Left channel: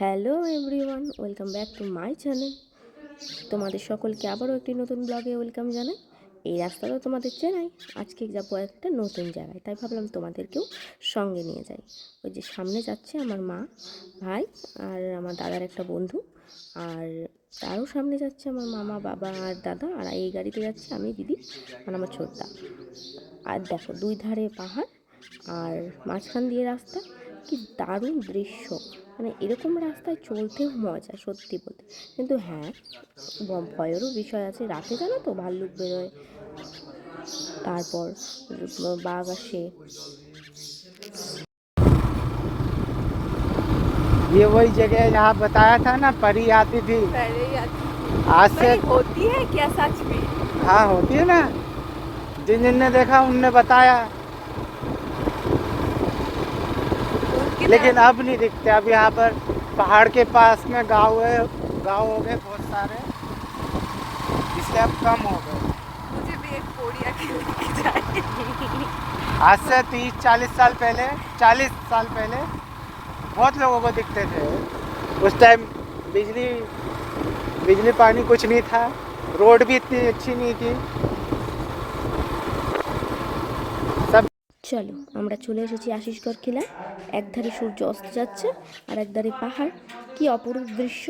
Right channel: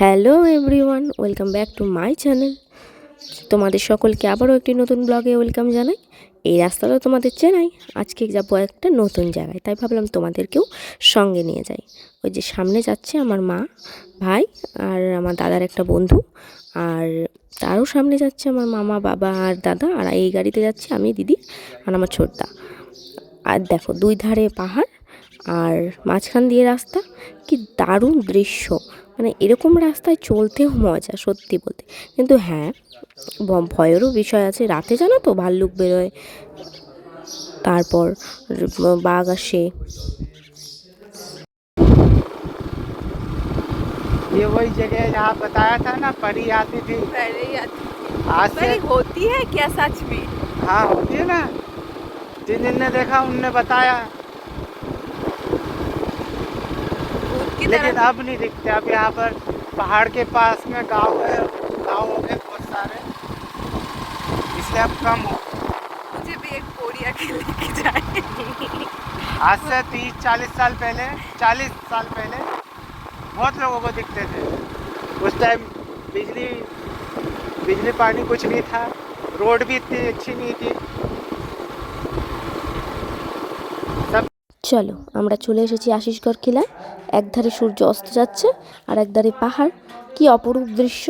Hello everyone, welcome back to my channel. তোমাদের সকলকে আবারও একটি নতুন ব্লগে ওয়েলকাম জানাই। এই রাস্তাটা তোমাদের চেনাই, আজকে যাব একটা নতুন জায়গায়, তাই ভাবলাম তোমাদেরকেও সঙ্গে নিয়ে যাই। ওই যে সামনে যাচ্ছে আমার মা, ভাই আর আমার দাদার একটা বন্ধু, আর তারও সামনে যাচ্ছে আমার মামা, বাবা আর দাদা, আর এই গাড়িতে যাচ্ছে আমি, দিদি আর আমার ছোটদা। আর দেখো, দুই ধারে পাহাড় আর মাঝখান দিয়ে রাস্তা কি দারুণ দৃশ্য মানে এরকম রাস্তায় চলতেও মজা সত্যি বলতে কিন্তু হ্যাঁ ব- ভয়েরও বিষয় আছে রাতে জানো তো ভাল্লুক বেরোয় তারপর র- বাঘ আসে ये वही जगह है जहाँ बताया था ना परी आती थी पहले ही आती आज से नहीं होती है क्या सच में हाँ होती है ना जिन जिन ने देखा उनने बताया लेकिन अब नहीं दिखते अब यहाँ पर पहाड़ के पास में गाँव है गाँव हो गए बहुत सारे। इसलिए अब कम हो गए। मुझे भी एक पोड़िया के लेके जाए आज से तीस चालीस साल पहले चालीस साल पहले बहुत लोगों को दिखते थे। उस टाइम बिजली बिजली पानी कुछ नहीं था रोड भी इतनी अच्छी नहीं थी। চলো, আমরা চলে এসেছি আশিসগড় খিলায় একধারে সূর্য অস্ত যাচ্ছে, আর একধারে পাহাড়। কি অপরূপ দৃশ্য,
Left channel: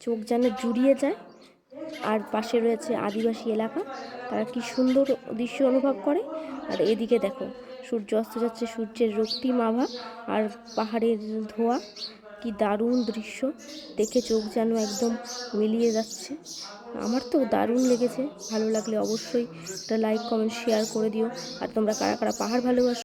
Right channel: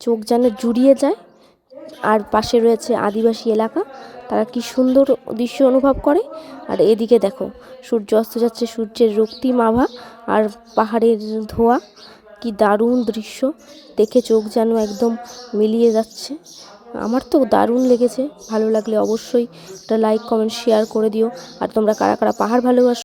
চোখ যেন জুড়িয়ে যায়। আর পাশে রয়েছে আদিবাসী এলাকা, তারা কি সুন্দর দৃশ্য অনুভব করে। আর এদিকে দেখো, সূর্য অস্ত যাচ্ছে সূর্যের রক্তিম আভা আর পাহাড়ের ধোয়া। কি দারুণ দৃশ্য। দেখে চোখ যেন একদম মিলিয়ে যাচ্ছে। আমার তো দারুণ লেগেছে। ভালো লাগলে অবশ্যই একটা লাইক কমেন্ট শেয়ার করে দিও। আর তোমরা কারা কারা পাহাড় ভালোবাসো?